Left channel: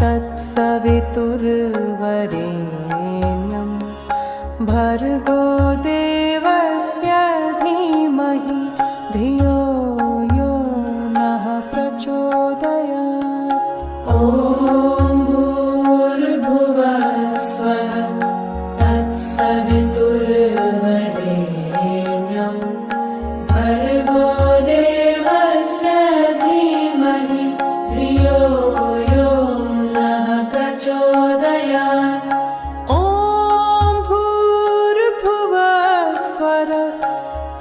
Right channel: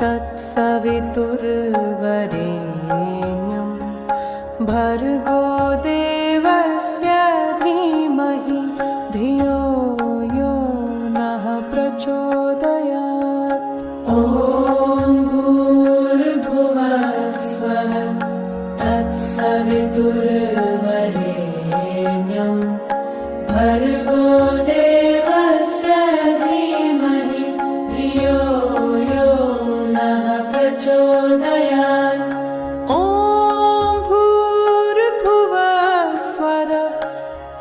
तत्सवितुर्वरेण्यं भर्गो देवस्य धीमहि धियो यो नः प्रचोदयात्। ॐ भूर्भुवः स्वः तत्सवितुर्वरेण्यं भर्गो देवस्य धीमहि धियो यो नः प्रचोदयात्। ॐ भूर्भुवः स्वः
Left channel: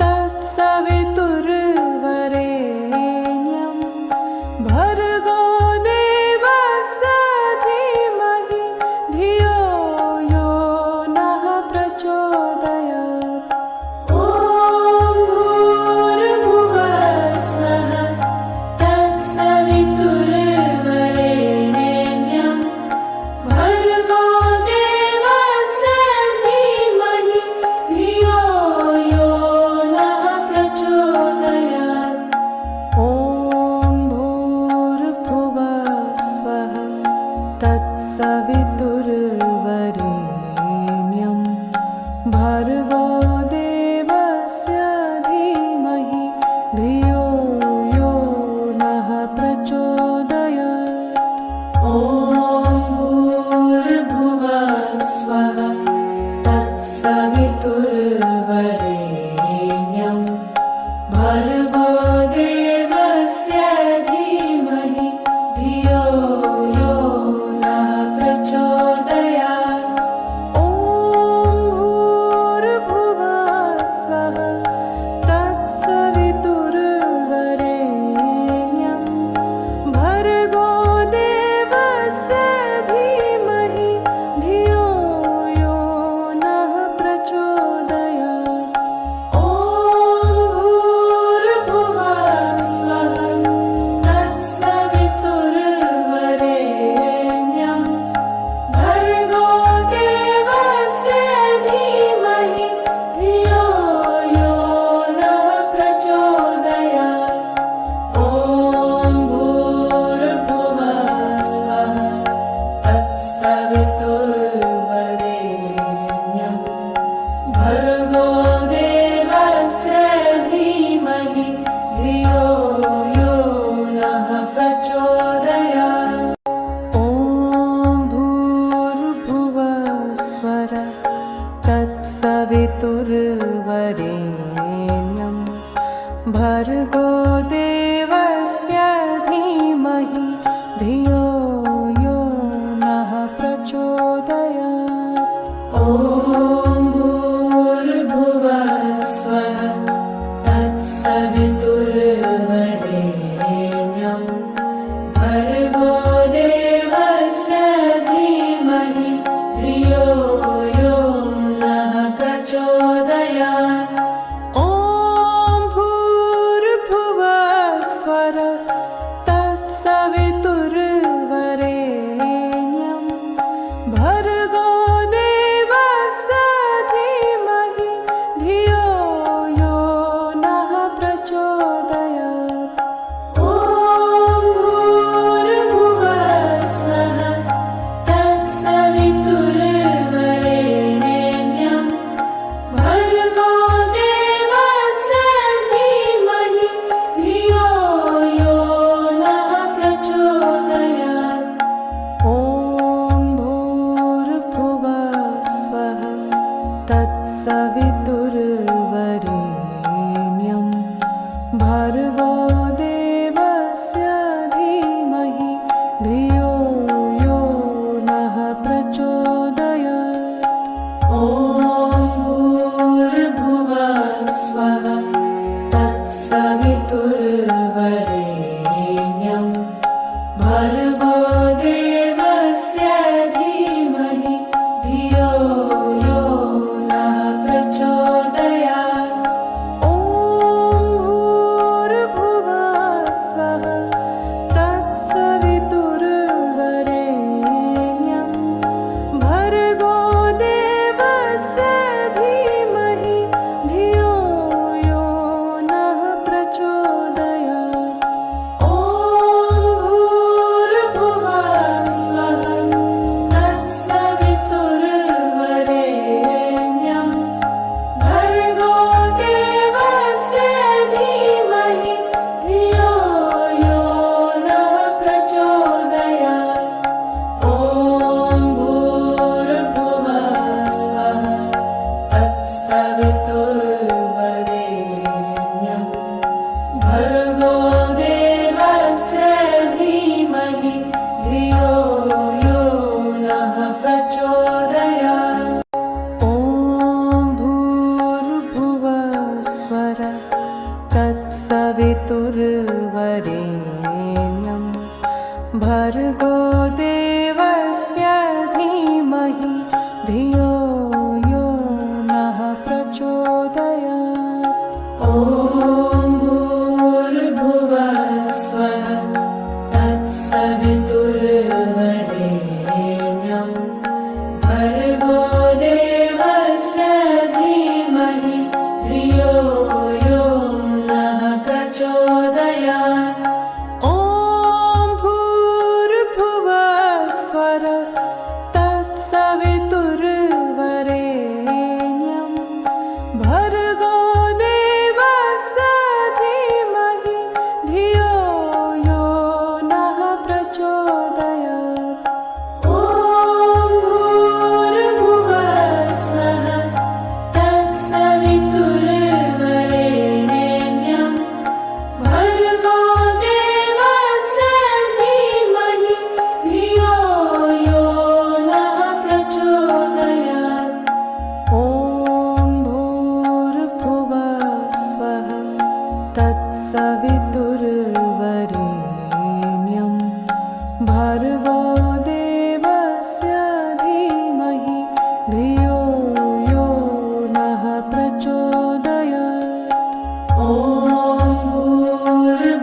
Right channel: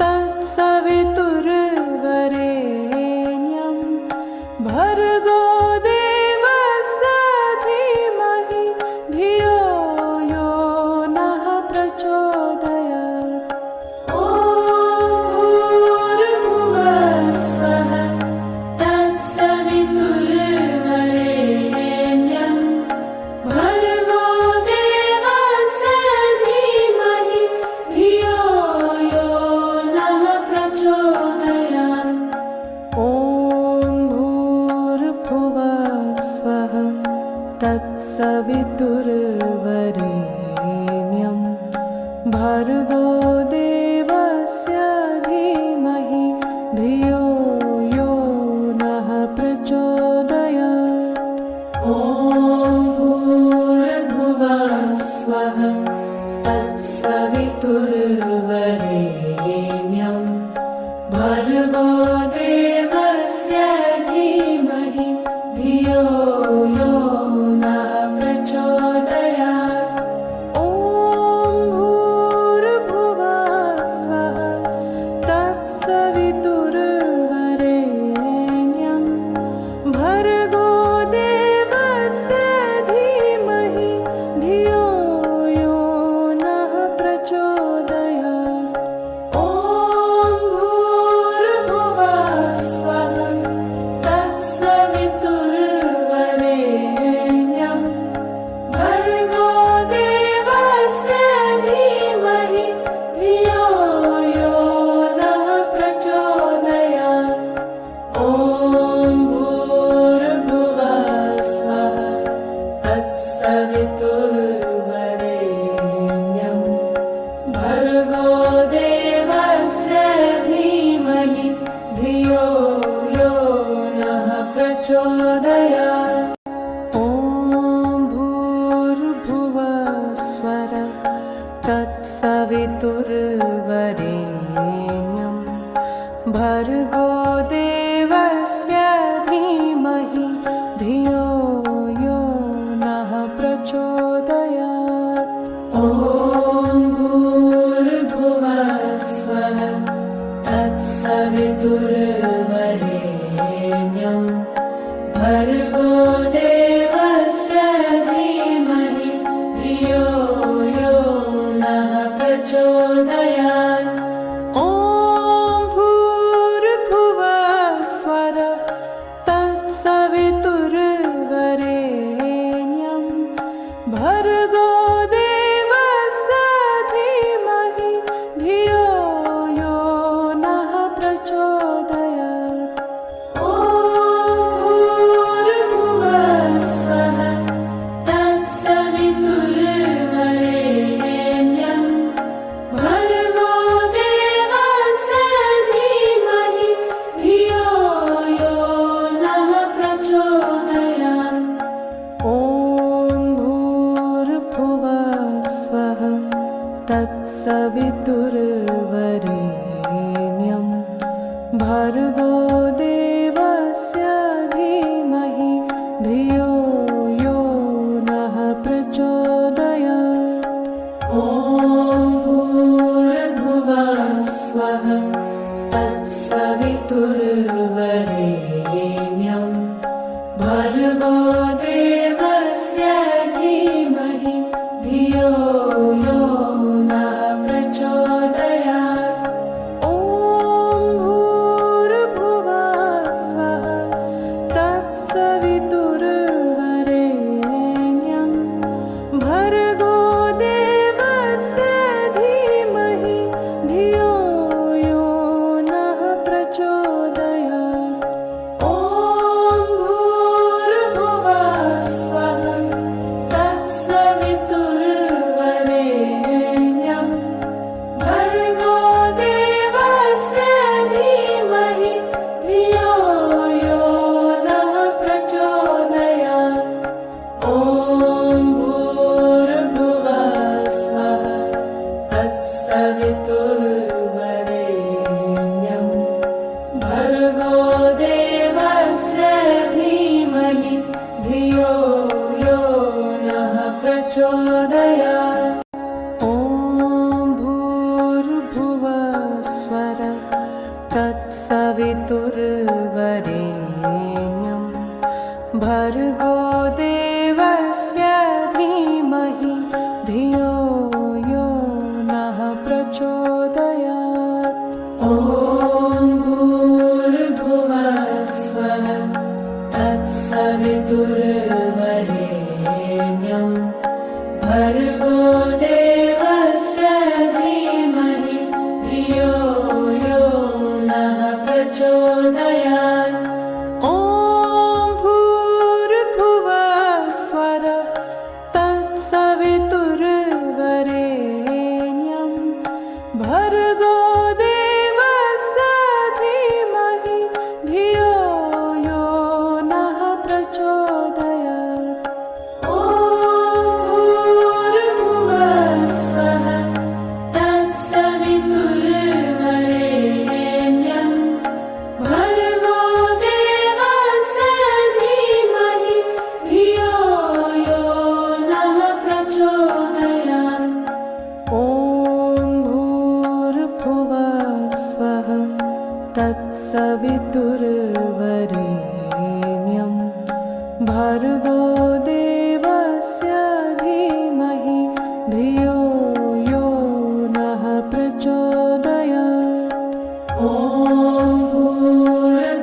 तत्सवितुर्वरेण्यं भर्गो देवस्य धीमहि धियो यो नः प्रचोदयात्। ॐ भूर्भुवः स्वः तत्सवितुर्वरेण्यं भर्गो देवस्य धीमहि धियो यो नः प्रचोदयात्। ॐ भूर्भुवः स्वः तत्सवितुर्वरेण्यं भर्गो देवस्य धीमहि धियो यो नः प्रचोदयात्। ॐ भूर्भुवः स्वः तत्सवितुर्वरेण्यं भर्गो देवस्य धीमहि धियो यो नः प्रचोदयात्। ॐ भूर्भुवः स्वः तत्सवितुर्वरेण्यं भर्गो देवस्य धीमहि धियो यो नः प्रचोदयात्। ॐ भूर्भुवः स्वः तत्सवितुर्वरेण्यं भर्गो देवस्य धीमहि धियो यो नः प्रचोदयात्। ॐ भूर्भुवः स्वः तत्सवितुर्वरेण्यं भर्गो देवस्य धीमहि धियो यो नः प्रचोदयात्। ॐ भूर्भुवः स्वः तत्सवितुर्वरेण्यं भर्गो देवस्य धीमहि धियो यो नः प्रचोदयात्। ॐ भूर्भुवः स्वः तत्सवितुर्वरेण्यं भर्गो देवस्य धीमहि धियो यो नः प्रचोदयात्। ॐ भूर्भुवः स्वः तत्सवितुर्वरेण्यं भर्गो देवस्य धीमहि धियो यो नः प्रचोदयात्। ॐ भूर्भुवः स्वः तत्सवितुर्वरेण्यं भर्गो देवस्य धीमहि धियो यो नः प्रचोदयात्। ॐ भूर्भुवः स्वः तत्सवितुर्वरेण्यं भर्गो देवस्य धीमहि धियो यो नः प्रचोदयात्। ॐ भूर्भुवः स्वः तत्सवितुर्वरेण्यं भर्गो देवस्य धीमहि धियो यो नः प्रचोदयात्। ॐ भूर्भुवः स्वः तत्सवितुर्वरेण्यं भर्गो देवस्य धीमहि धियो यो नः प्रचोदयात्। ॐ भूर्भुवः स्वः भर्गो देवस्य धीमहि धियो यो नः प्रचोदयात्। ॐ भूर्भुवस्वः तत्सवितुर्वरेण्यं भर्गो देवस्य धीमहि धियो यो नः प्रचोदयात्। ॐ भूर्भुवस्वः तत्सवितुर्वरेण्यं भर्गो देवस्य धीमहि धियो यो नः प्रचोदयात्। ॐ भूर्भुवस्वः तत्सवितुर्वरेण्यं भर्गो देवस्य धीमहि धियो यो नः प्रचोदयात्। ॐ भूर्भुवस्वः तत्सवितुर्वरेण्यं भर्गो देवस्य धीमहि धियो यो नः प्रचोदयात्। ॐ भूर्भुवस्वः तत्सवितुर्वरेण्यं भर्गो देवस्य धीमहि धियो यो नः प्रचोदयात्। ॐ भूर्भुवस्वः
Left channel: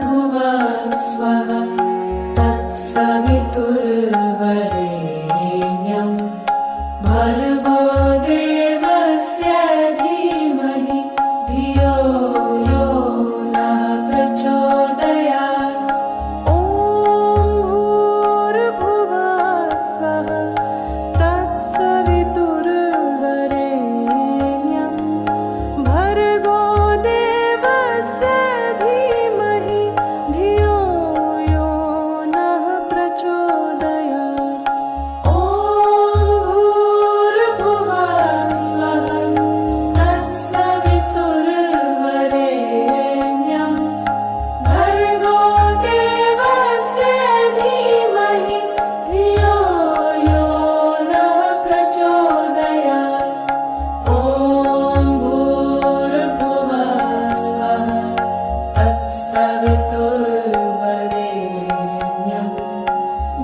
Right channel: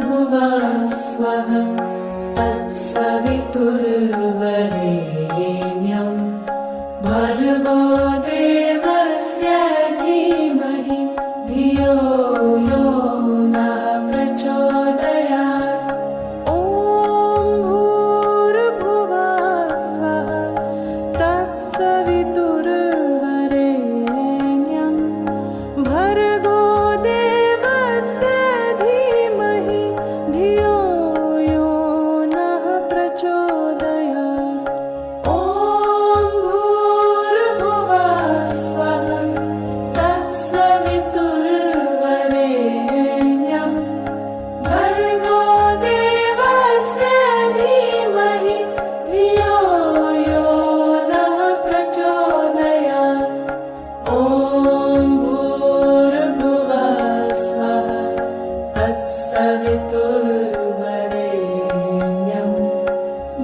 तत्सवितुर्वरेण्यं भर्गो देवस्य धीमहि धियो यो नः प्रचोदयात्। ॐ भूर्भुवस्वः तत्सवितुर्वरेण्यं भर्गो देवस्य धीमहि धियो यो नः प्रचोदयात्। ॐ भूर्भुवस्वः तत्सवितुर्वरेण्यं भर्गो देवस्य धीमहि धियो यो नः प्रचोदयात्। ॐ भूर्भुवस्वः तत्सवितुर्वरेण्यं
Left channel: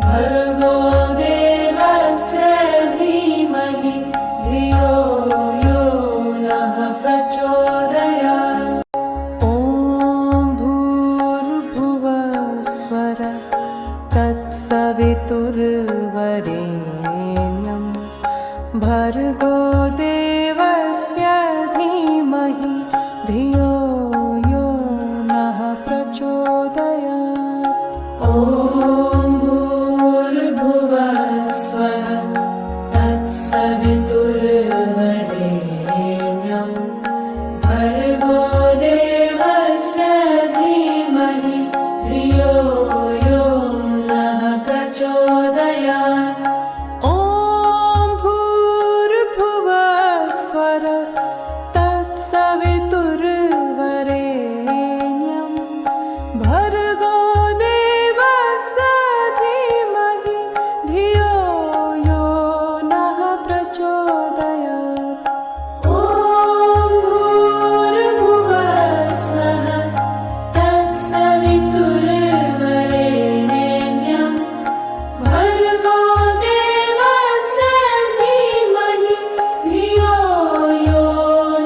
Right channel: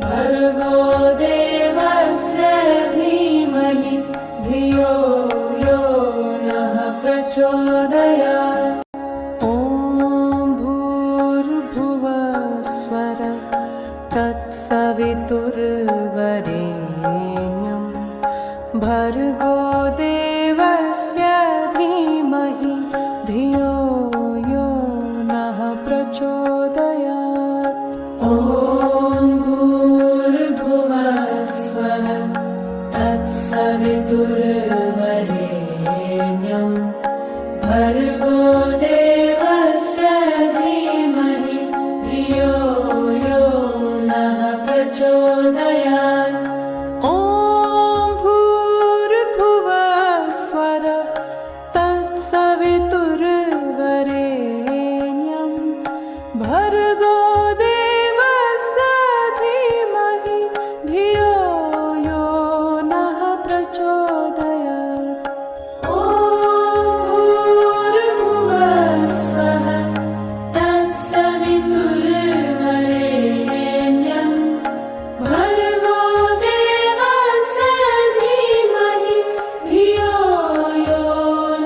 भर्गो देवस्य धीमहि धियो यो नः प्रचोदयात्। ॐ भूर्भुवस्वः तत्सवितुर्वरेण्यं भर्गो देवस्य धीमहि धियो यो नः प्रचोदयात्। ॐ भूर्भुवस्वः तत्सवितुर्वरेण्यं भर्गो देवस्य धीमहि धियो यो नः प्रचोदयात्। ॐ भूर्भुवस्वः तत्सवितुर्वरेण्यं भर्गो देवस्य धीमहि धियो यो नः प्रचोदयात्। ॐ भूर्भुवस्वः तत्सवितुर्वरेण्यं भर्गो देवस्य धीमहि धियो यो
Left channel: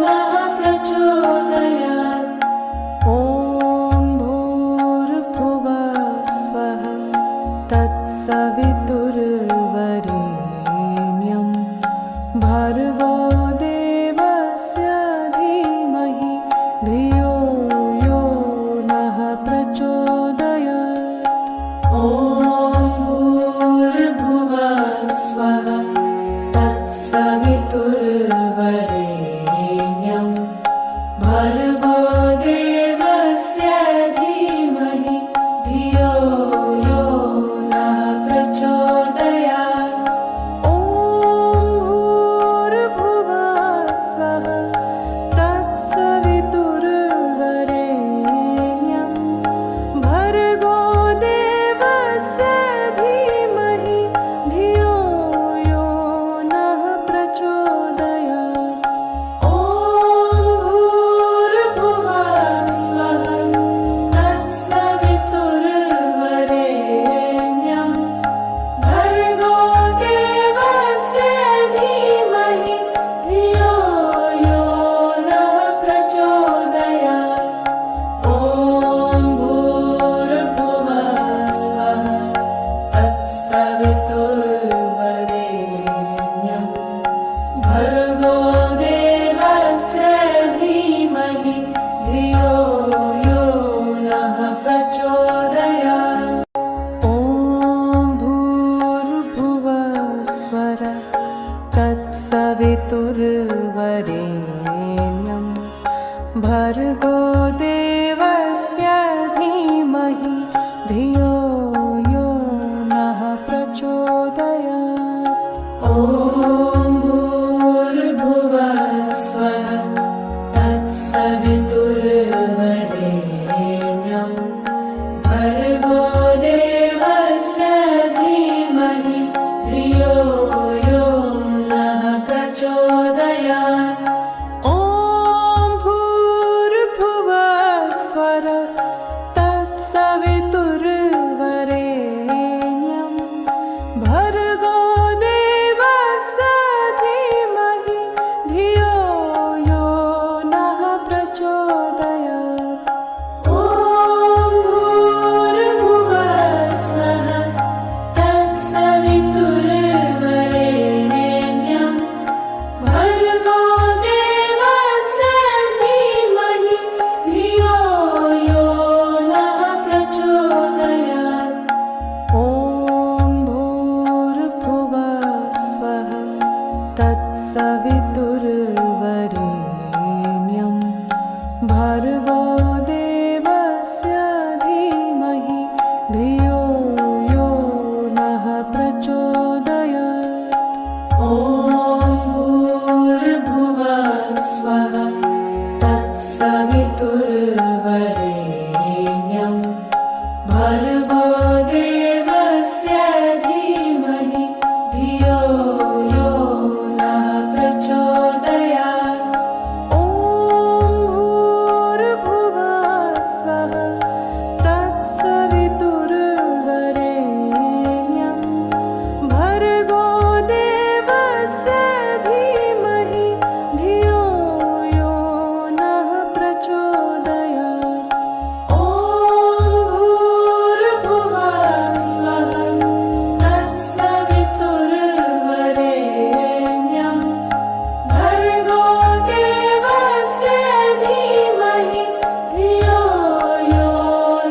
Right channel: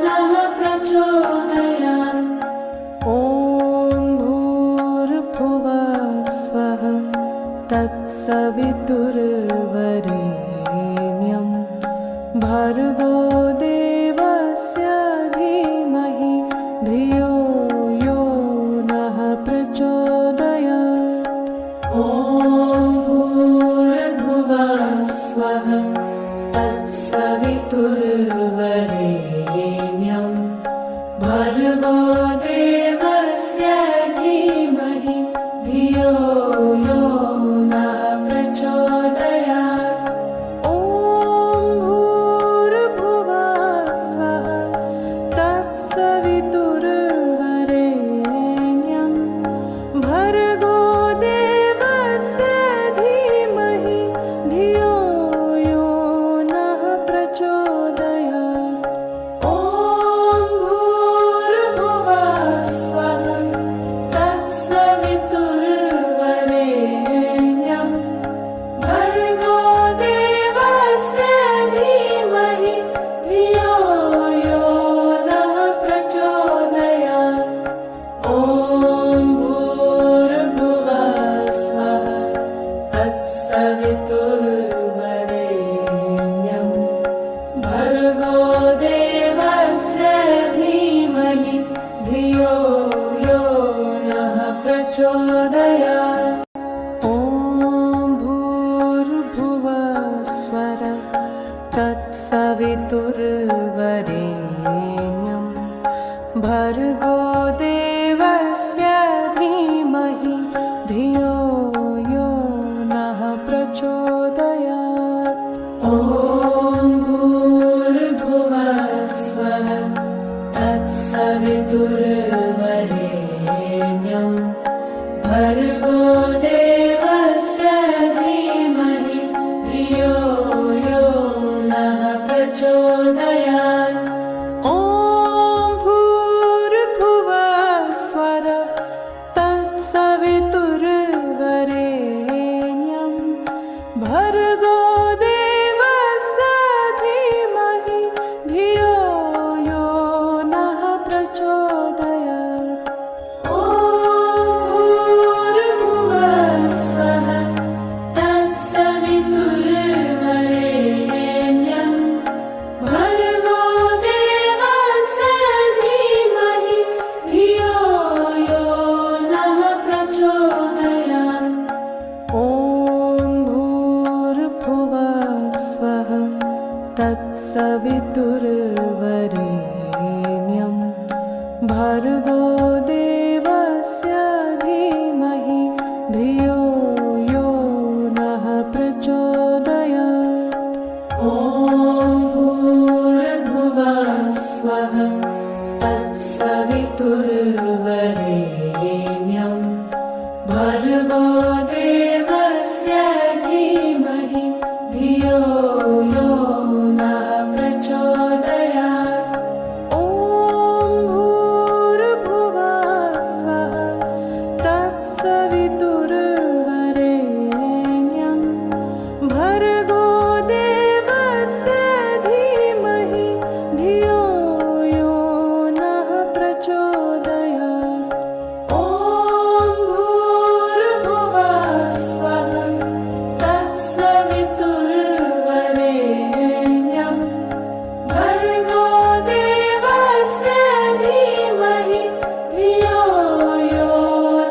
नः प्रचोदयात्। ॐ भूर्भुवस्वः तत्सवितुर्वरेण्यं भर्गो देवस्य धीमहि धियो यो नः प्रचोदयात्। ॐ भूर्भुवस्वः तत्सवितुर्वरेण्यं भर्गो देवस्य धीमहि धियो यो नः प्रचोदयात्। ॐ भूर्भुवस्वः तत्सवितुर्वरेण्यं भर्गो देवस्य धीमहि धियो यो नः प्रचोदयात्। ॐ भूर्भुवः स्वः तत्सवितुर्वरेण्यं भर्गो देवस्य धीमहि धियो यो नः प्रचोदयात्। ॐ भूर्भुवः स्वः तत्सवितुर्वरेण्यं भर्गो देवस्य धीमहि धियो यो नः प्रचोदयात्। ॐ भूर्भुवः स्वः तत्सवितुर्वरेण्यं भर्गो देवस्य धीमहि धियो यो नः प्रचोदयात्। ॐ भूर्भुवः स्वः तत्सवितुर्वरेण्यं भर्गो देवस्य धीमहि धियो यो नः प्रचोदयात्। ॐ भूर्भुवः स्वः तत्सवितुर्वरेण्यं भर्गो देवस्य धीमहि धियो यो नः प्रचोदयात्। ॐ भूर्भुवः स्वः तत्सवितुर्वरेण्यं भर्गो देवस्य धीमहि धियो यो नः प्रचोदयात्। ॐ भूर्भुवः स्वः तत्सवितुर्वरेण्यं भर्गो देवस्य धीमहि धियो यो नः प्रचोदयात्। ॐ भूर्भुवः स्वः तत्सवितुर्वरेण्यं भर्गो देवस्य धीमहि धियो यो नः प्रचोदयात्। ॐ भूर्भुवः स्वः तत्सवितुर्वरेण्यं भर्गो देवस्य धीमहि धियो यो नः प्रचोदयात्। ॐ भूर्भुवः स्वः तत्सवितुर्वरेण्यं भर्गो देवस्य धीमहि धियो यो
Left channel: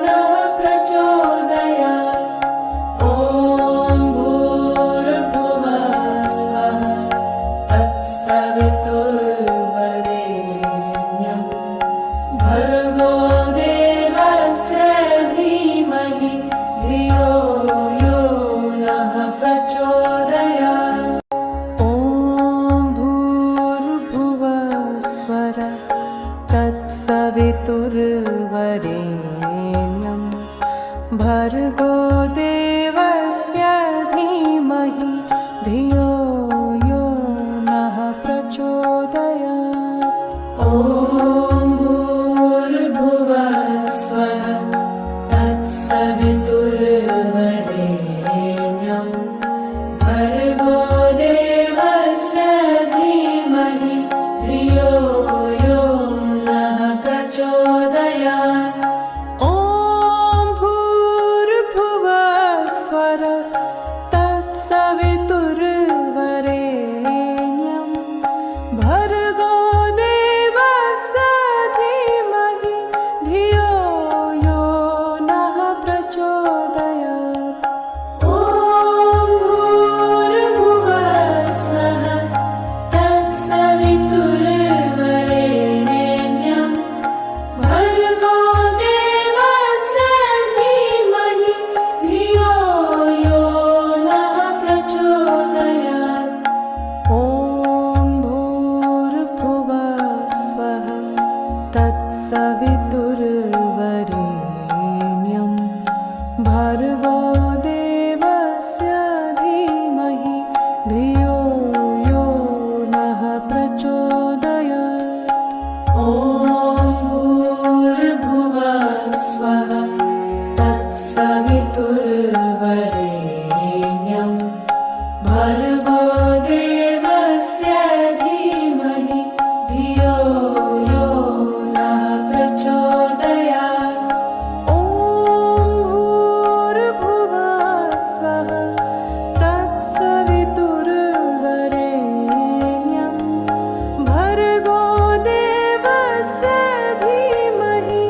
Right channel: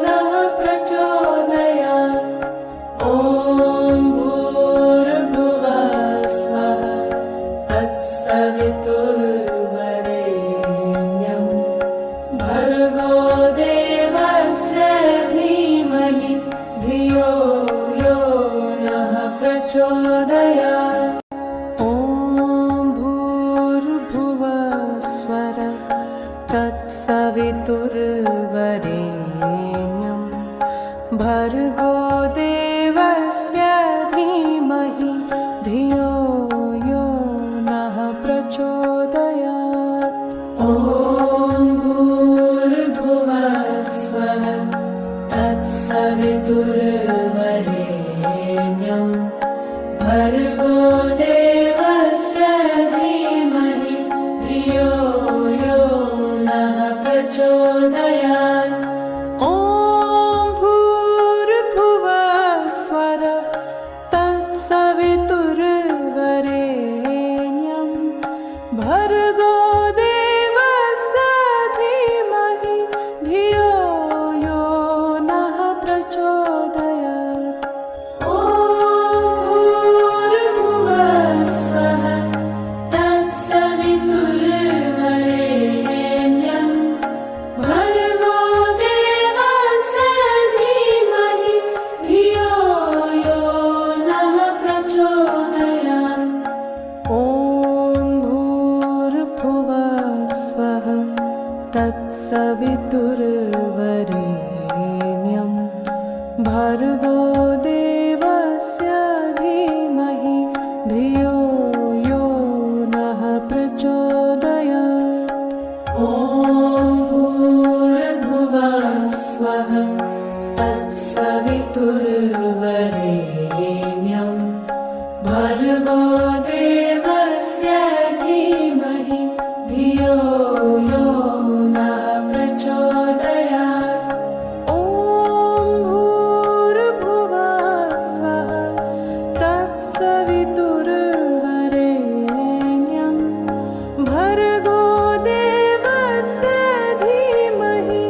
नः प्रचोदयात्। ॐ भूर्भुवः स्वः तत्सवितुर्वरेण्यं भर्गो देवस्य धीमहि धियो यो नः प्रचोदयात्। ॐ भूर्भुवः स्वः तत्सवितुर्वरेण्यं भर्गो देवस्य धीमहि धियो यो नः प्रचोदयात्। ॐ भूर्भुवः स्वः तत्सवितुर्वरेण्यं भर्गो देवस्य धीमहि धियो यो नः प्रचोदयात्। ॐ भूर्भुवः स्वः तत्सवितुर्वरेण्यं भर्गो देवस्य धीमहि धियो यो नः प्रचोदयात्। ॐ भूर्भुवः स्वः तत्सवितुर्वरेण्यं भर्गो देवस्य धीमहि धियो यो नः प्रचोदयात्। ॐ भूर्भुवः स्वः तत्सवितुर्वरेण्यं भर्गो देवस्य धीमहि धियो यो नः प्रचोदयात्। ॐ भूर्भुवः स्वः तत्सवितुर्वरेण्यं भर्गो देवस्य धीमहि धियो यो नः प्रचोदयात्। ॐ भूर्भुवः स्वः तत्सवितुर्वरेण्यं भर्गो देवस्य धीमहि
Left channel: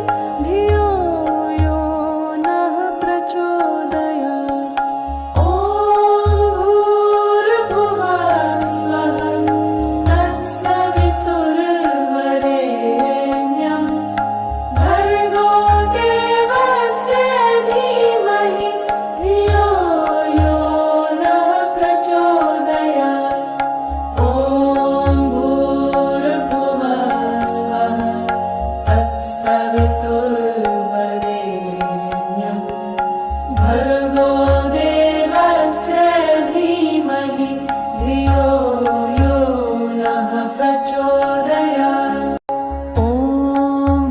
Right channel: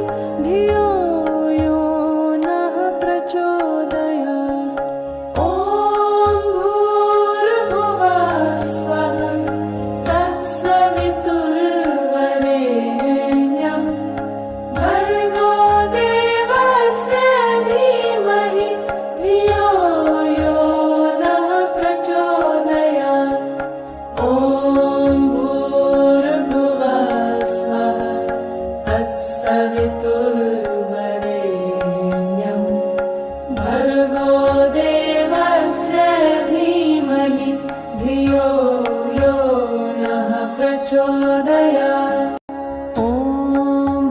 धियो यो नः प्रचोदयात्। ॐ भूर्भुवः स्वः तत्सवितुर्वरेण्यं भर्गो देवस्य धीमहि धियो यो नः प्रचोदयात्। ॐ भूर्भुवः स्वः तत्सवितुर्वरेण्यं भर्गो देवस्य धीमहि धियो यो नः प्रचोदयात्। ॐ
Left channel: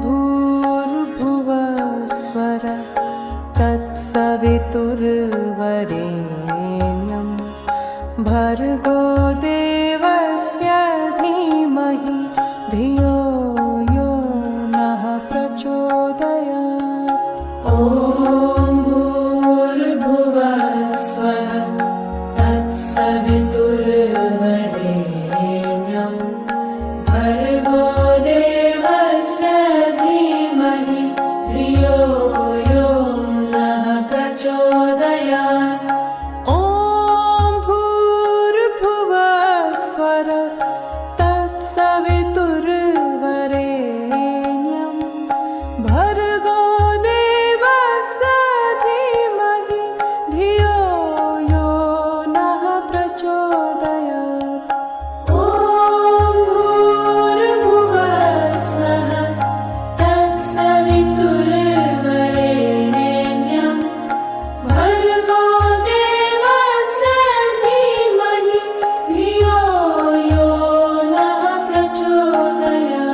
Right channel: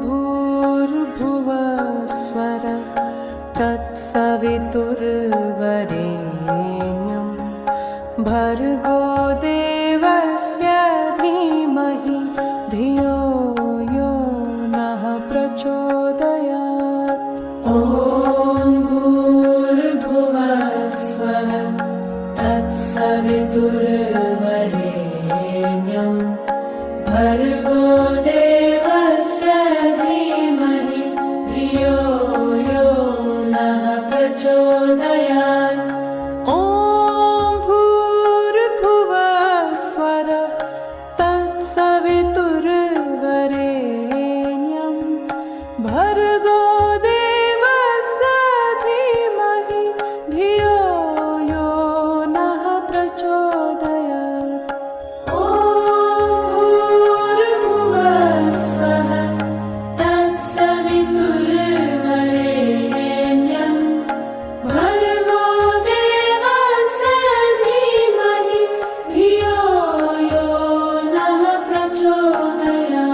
भूर्भुवः स्वः तत्सवितुर्वरेण्यं भर्गो देवस्य धीमहि धियो यो नः प्रचोदयात्। ॐ भूर्भुवः स्वः तत्सवितुर्वरेण्यं भर्गो देवस्य धीमहि धियो यो नः प्रचोदयात्। ॐ भूर्भुवः स्वः तत्सवितुर्वरेण्यं भर्गो देवस्य धीमहि धियो यो नः प्रचोदयात्। ॐ भूर्भुवः स्वः तत्सवितुर्वरेण्यं भर्गो देवस्य धीमहि धियो यो नः प्रचोदयात्। ॐ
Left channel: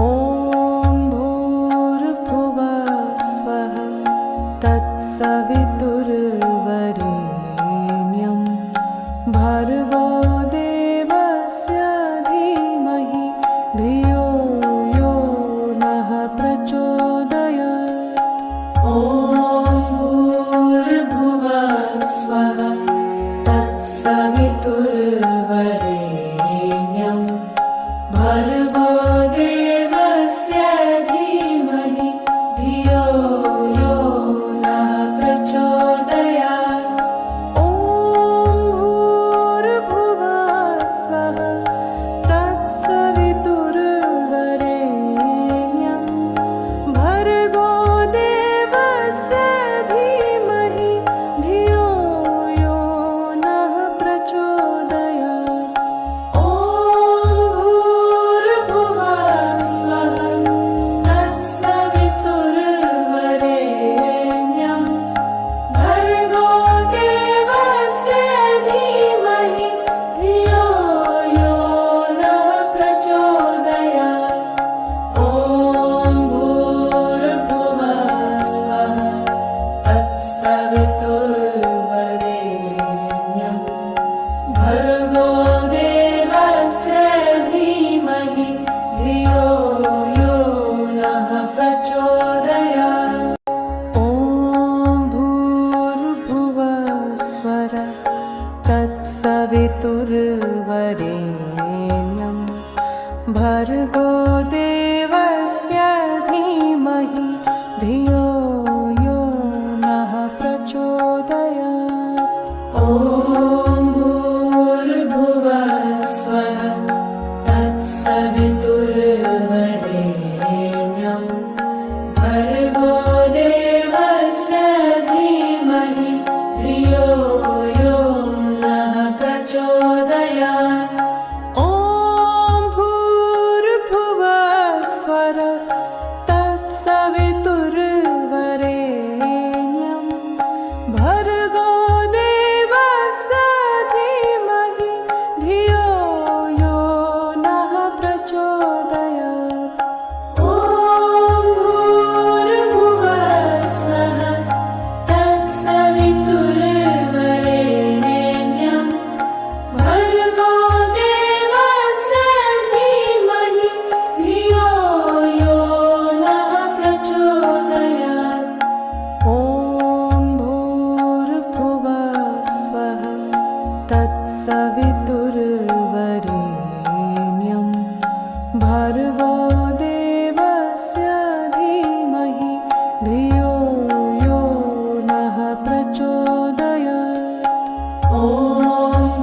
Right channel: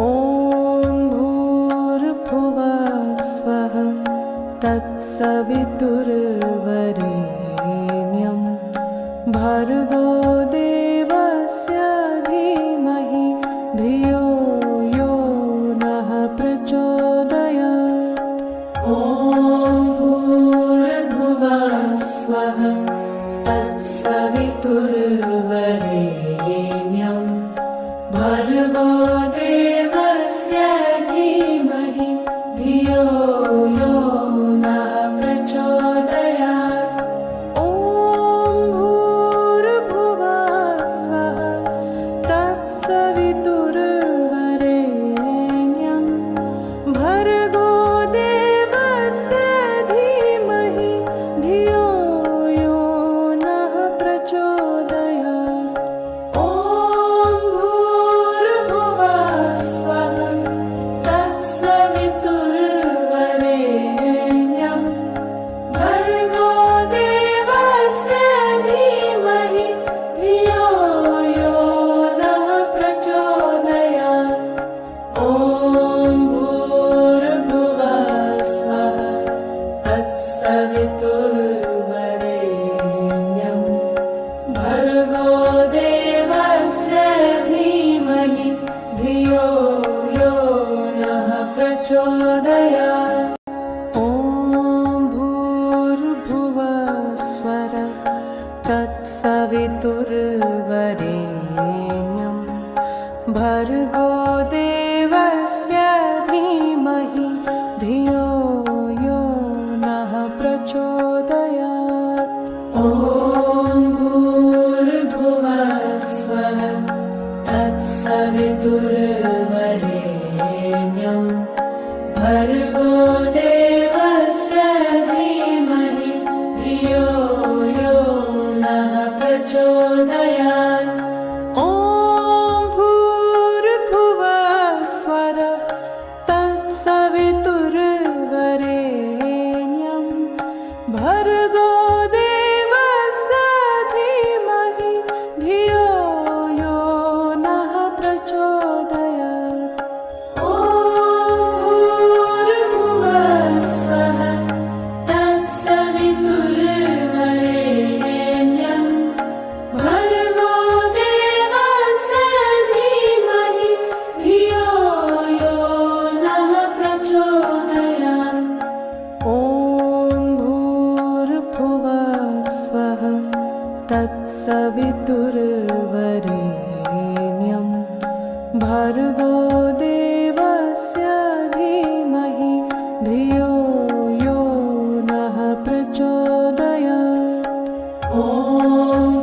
भूर्भुवः स्वः तत्सवितुर्वरेण्यं भर्गो देवस्य धीमहि धियो यो नः प्रचोदयात्। ॐ भूर्भुवः स्वः तत्सवितुर्वरेण्यं भर्गो देवस्य धीमहि धियो यो नः प्रचोदयात्। ॐ भूर्भुवः स्वः तत्सवितुर्वरेण्यं भर्गो देवस्य धीमहि धियो यो नः प्रचोदयात्। ॐ भूर्भुवः स्वः तत्सवितुर्वरेण्यं भर्गो देवस्य धीमहि धियो यो नः प्रचोदयात्। ॐ भूर्भुवः स्वः तत्सवितुर्वरेण्यं भर्गो देवस्य धीमहि धियो यो नः प्रचोदयात्। ॐ भूर्भुवः स्वः तत्सवितुर्वरेण्यं भर्गो देवस्य धीमहि धियो यो नः प्रचोदयात्। ॐ भूर्भुवः स्वः तत्सवितुर्वरेण्यं भर्गो देवस्य धीमहि धियो यो नः प्रचोदयात्। ॐ भूर्भुवः स्वः तत्सवितुर्वरेण्यं धियो यो नः प्रचोदयात्। ॐ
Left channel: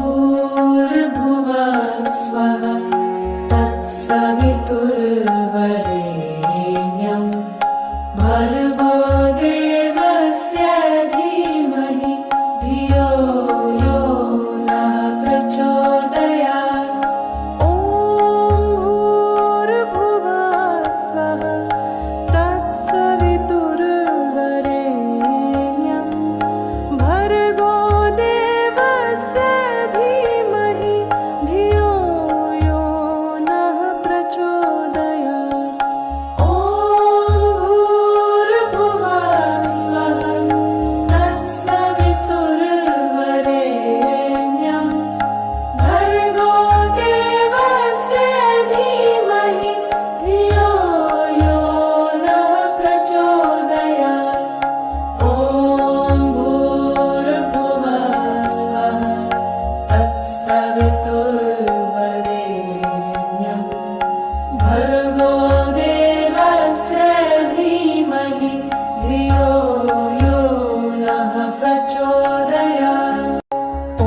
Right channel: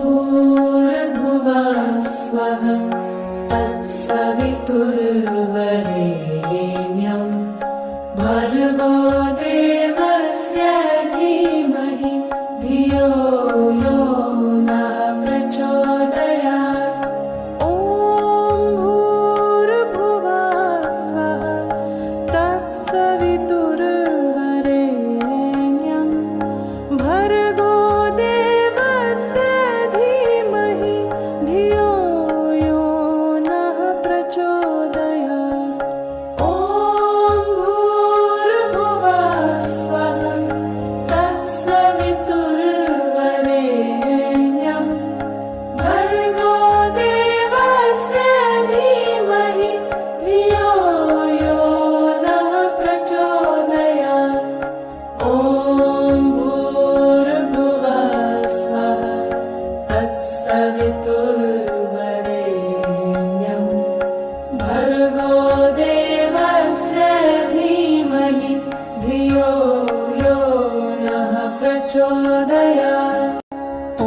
भूर्भुवः स्वः तत्सवितुर्वरेण्यं भर्गो देवस्य धीमहि धियो यो नः प्रचोदयात्। ॐ भूर्भुवः स्वः तत्सवितुर्वरेण्यं भर्गो देवस्य धीमहि धियो यो नः प्रचोदयात्। ॐ भूर्भुवः स्वः तत्सवितुर्वरेण्यं भर्गो देवस्य धीमहि धियो यो नः प्रचोदयात्। ॐ भूर्भुवः स्वः तत्सवितुर्वरेण्यं भर्गो देवस्य धीमहि धियो यो नः प्रचोदयात्। ॐ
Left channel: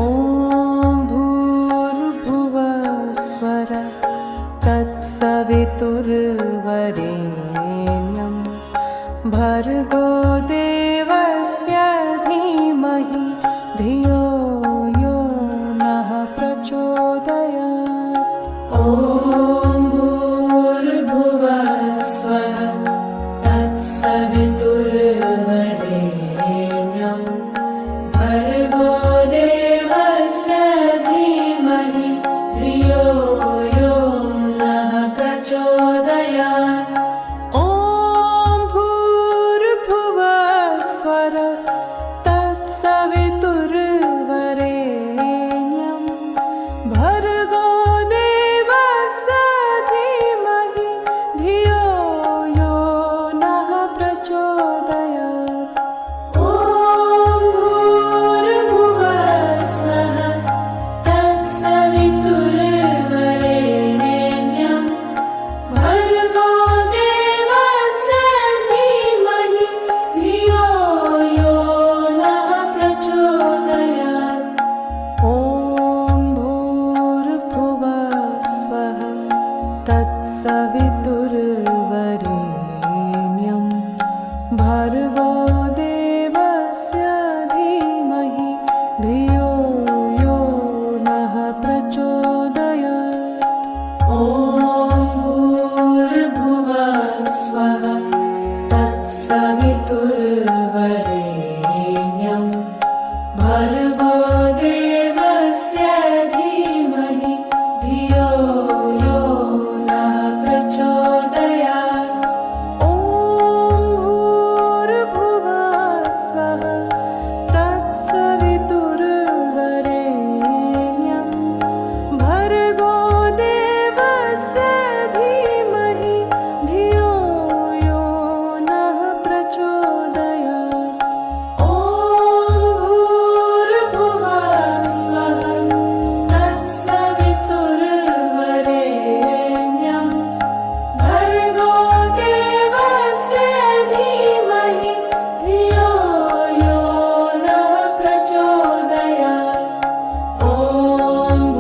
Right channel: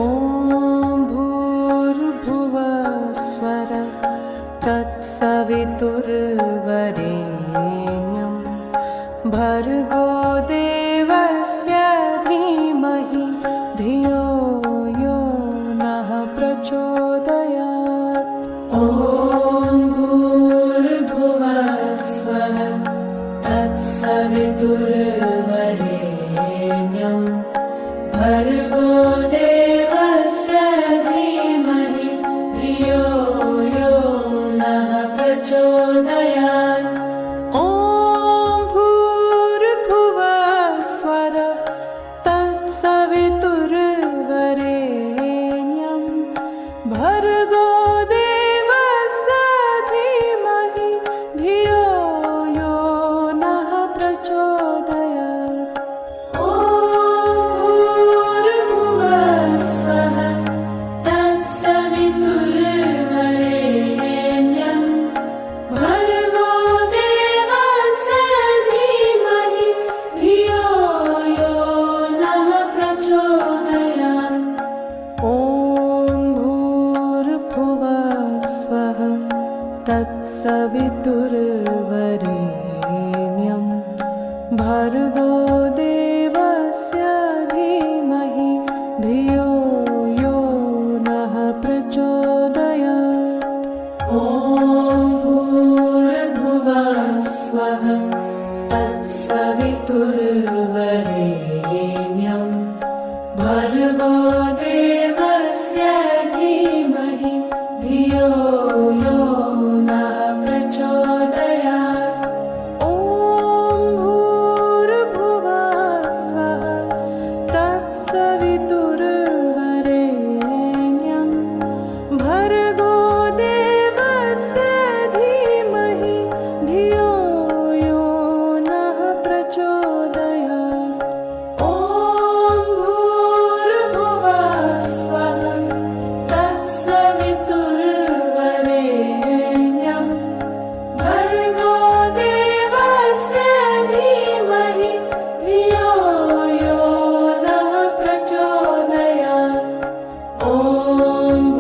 भूर्भुवः स्वः तत्सवितुर्वरेण्यं भर्गो देवस्य धीमहि धियो यो नः प्रचोदयात्। ॐ भूर्भुवः स्वः तत्सवितुर्वरेण्यं भर्गो देवस्य धीमहि धियो यो नः प्रचोदयात्। ॐ भूर्भुवः स्वः तत्सवितुर्वरेण्यं भर्गो देवस्य धीमहि धियो यो नः प्रचोदयात्। ॐ भूर्भुवः स्वः तत्सवितुर्वरेण्यं भर्गो देवस्य धीमहि धियो यो नः प्रचोदयात्। ॐ भूर्भुवः स्वः तत्सवितुर्वरेण्यं भर्गो देवस्य धीमहि धियो यो नः प्रचोदयात्। ॐ भूर्भुवः स्वः तत्सवितुर्वरेण्यं भर्गो देवस्य धीमहि धियो यो नः प्रचोदयात्। ॐ भूर्भुवः स्वः तत्सवितुर्वरेण्यं भर्गो देवस्य धीमहि धियो यो नः प्रचोदयात्। ॐ भूर्भुवः स्वः तत्सवितुर्वरेण्यं भर्गो देवस्य धीमहि धियो यो नः प्रचोदयात्। ॐ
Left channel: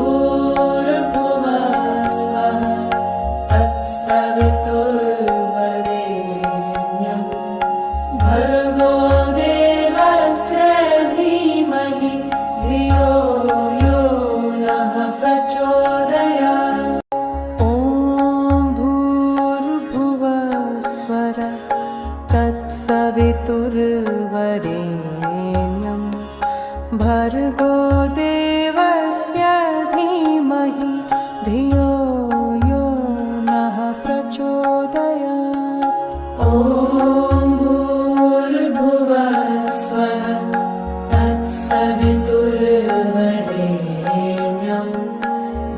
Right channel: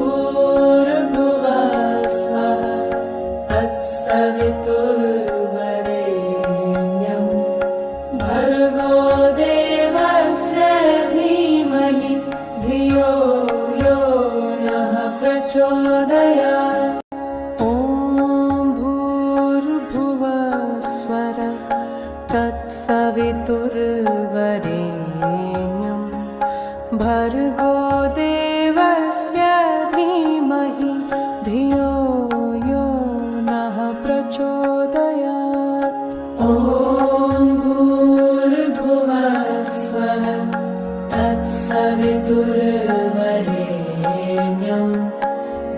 भूर्भुवः स्वः तत्सवितुर्वरेण्यं भर्गो देवस्य धीमहि धियो यो नः प्रचोदयात्। ॐ भूर्भुवः स्वः तत्सवितुर्वरेण्यं भर्गो देवस्य धीमहि धियो यो नः प्रचोदयात्। ॐ भूर्भुवः स्वः तत्सवितुर्वरेण्यं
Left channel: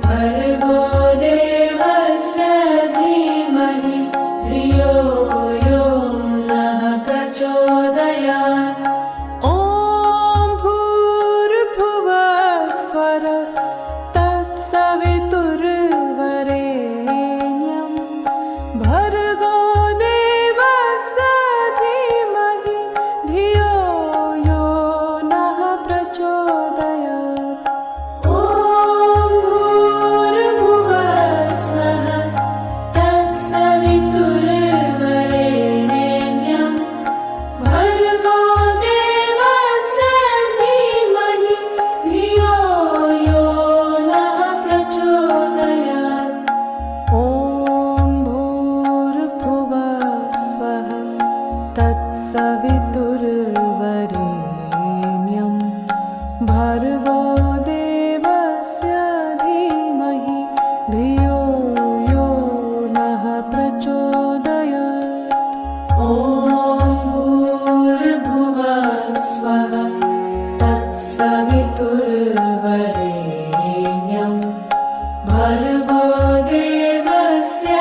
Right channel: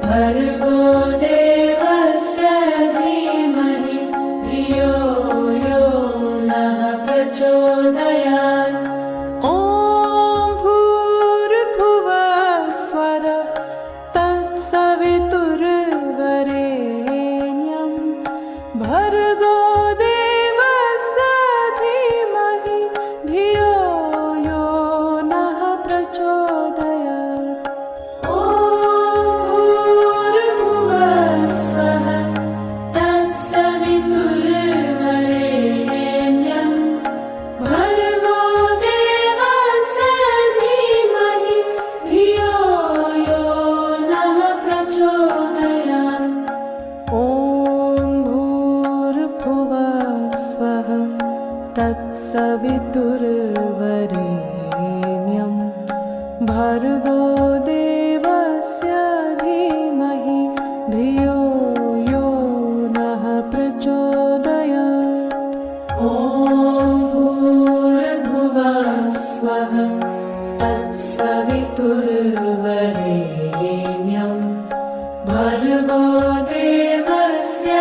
भर्गो देवस्य धीमहि धियो यो नः प्रचोदयात्। ॐ भूर्भुवः स्वः तत्सवितुर्वरेण्यं भर्गो देवस्य धीमहि तत्सवितुर्वरेण्यं भर्गो देवस्य धीमहि धियो यो नः प्रचोदयात्। ॐ भूर्भुवः स्वः तत्सवितुर्वरेण्यं भर्गो देवस्य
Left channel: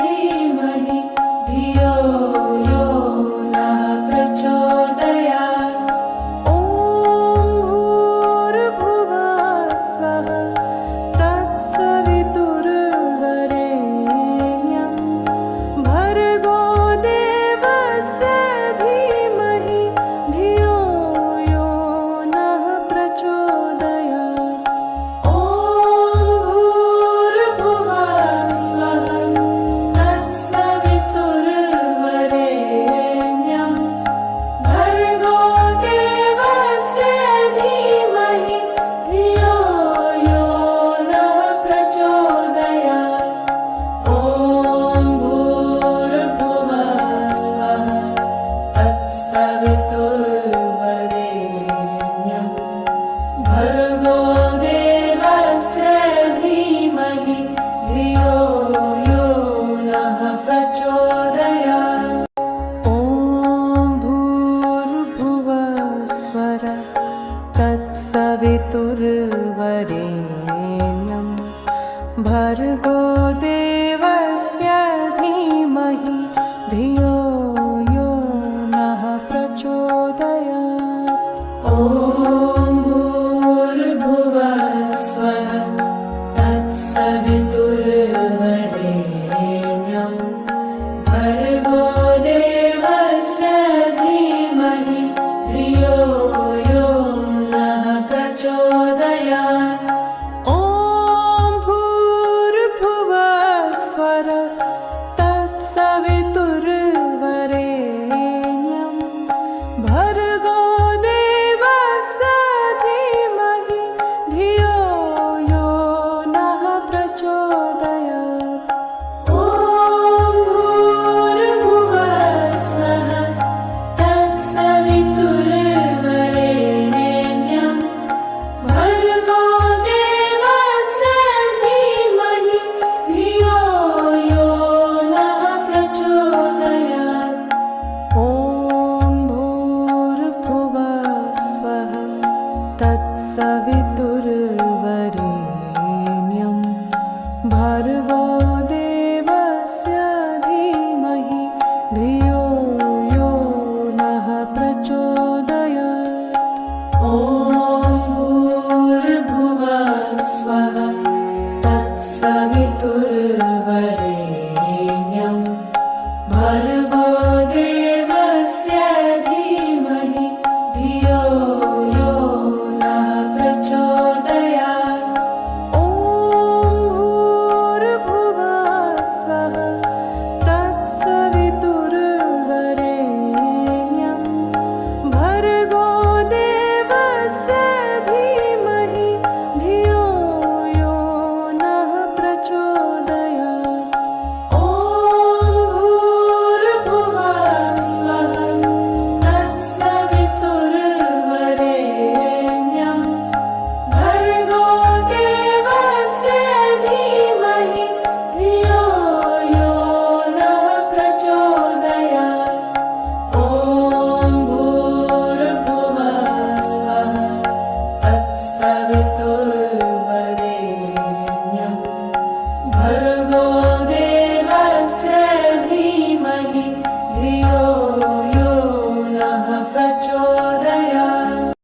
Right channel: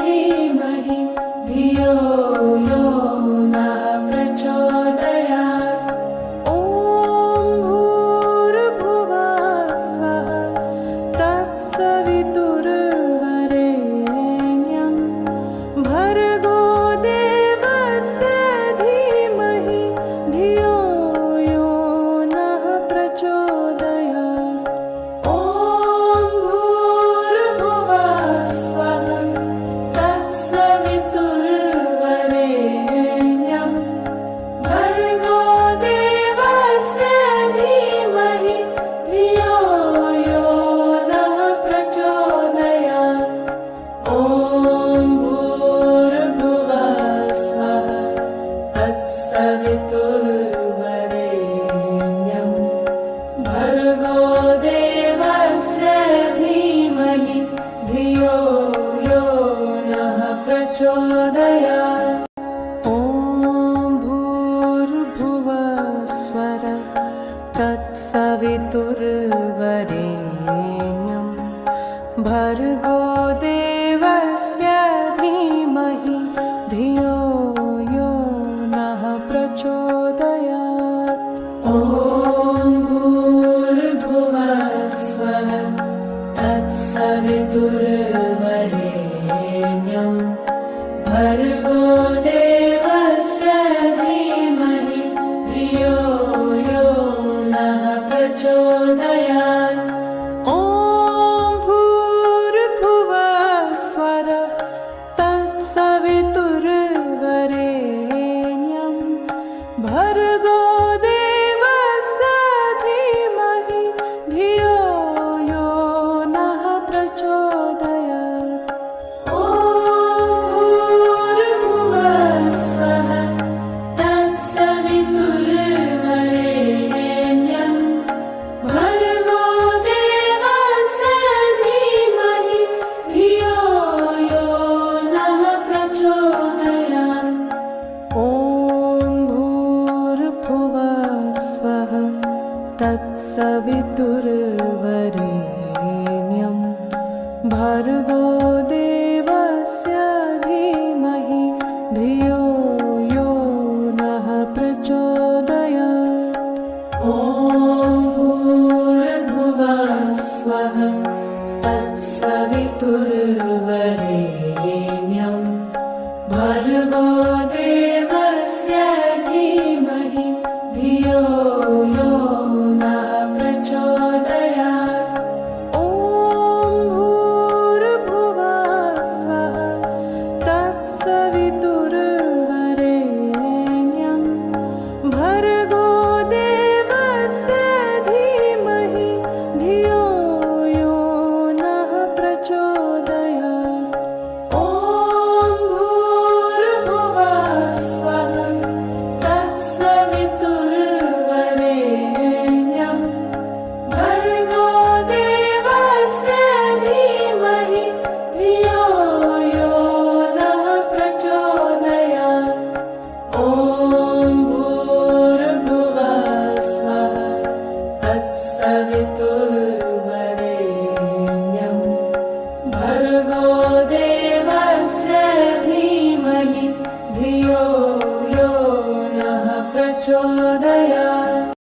धीमहि धियो यो नः प्रचोदयात्। ॐ भूर्भुवः स्वः तत्सवितुर्वरेण्यं भर्गो देवस्य धीमहि धियो यो नः प्रचोदयात्। ॐ भूर्भुवः स्वः तत्सवितुर्वरेण्यं भर्गो देवस्य धीमहि धियो यो नः प्रचोदयात्। ॐ भूर्भुवः स्वः तत्सवितुर्वरेण्यं भर्गो देवस्य धीमहि धियो यो नः प्रचोदयात्। ॐ भूर्भुवः स्वः तत्सवितुर्वरेण्यं भर्गो देवस्य धीमहि धियो यो नः प्रचोदयात्। ॐ भूर्भुवः स्वः तत्सवितुर्वरेण्यं भर्गो देवस्य धीमहि धियो यो नः प्रचोदयात्। ॐ भूर्भुवः स्वः तत्सवितुर्वरेण्यं भर्गो देवस्य धीमहि धियो यो नः प्रचोदयात्। ॐ भूर्भुवः स्वः तत्सवितुर्वरेण्यं भर्गो देवस्य धीमहि धियो यो नः प्रचोदयात्। ॐ भूर्भुवः स्वः तत्सवितुर्वरेण्यं भर्गो देवस्य धीमहि धियो यो नः प्रचोदयात्। ॐ भूर्भुवः स्वः तत्सवितुर्वरेण्यं भर्गो देवस्य धीमहि धियो यो नः प्रचोदयात्। ॐ भूर्भुवः स्वः तत्सवितुर्वरेण्यं भर्गो देवस्य धीमहि धियो यो नः प्रचोदयात्। ॐ भूर्भुवः स्वः तत्सवितुर्वरेण्यं भर्गो देवस्य धीमहि धियो यो नः प्रचोदयात्। ॐ भूर्भुवः स्वः तत्सवितुर्वरेण्यं भर्गो देवस्य धीमहि धियो यो नः प्रचोदयात्।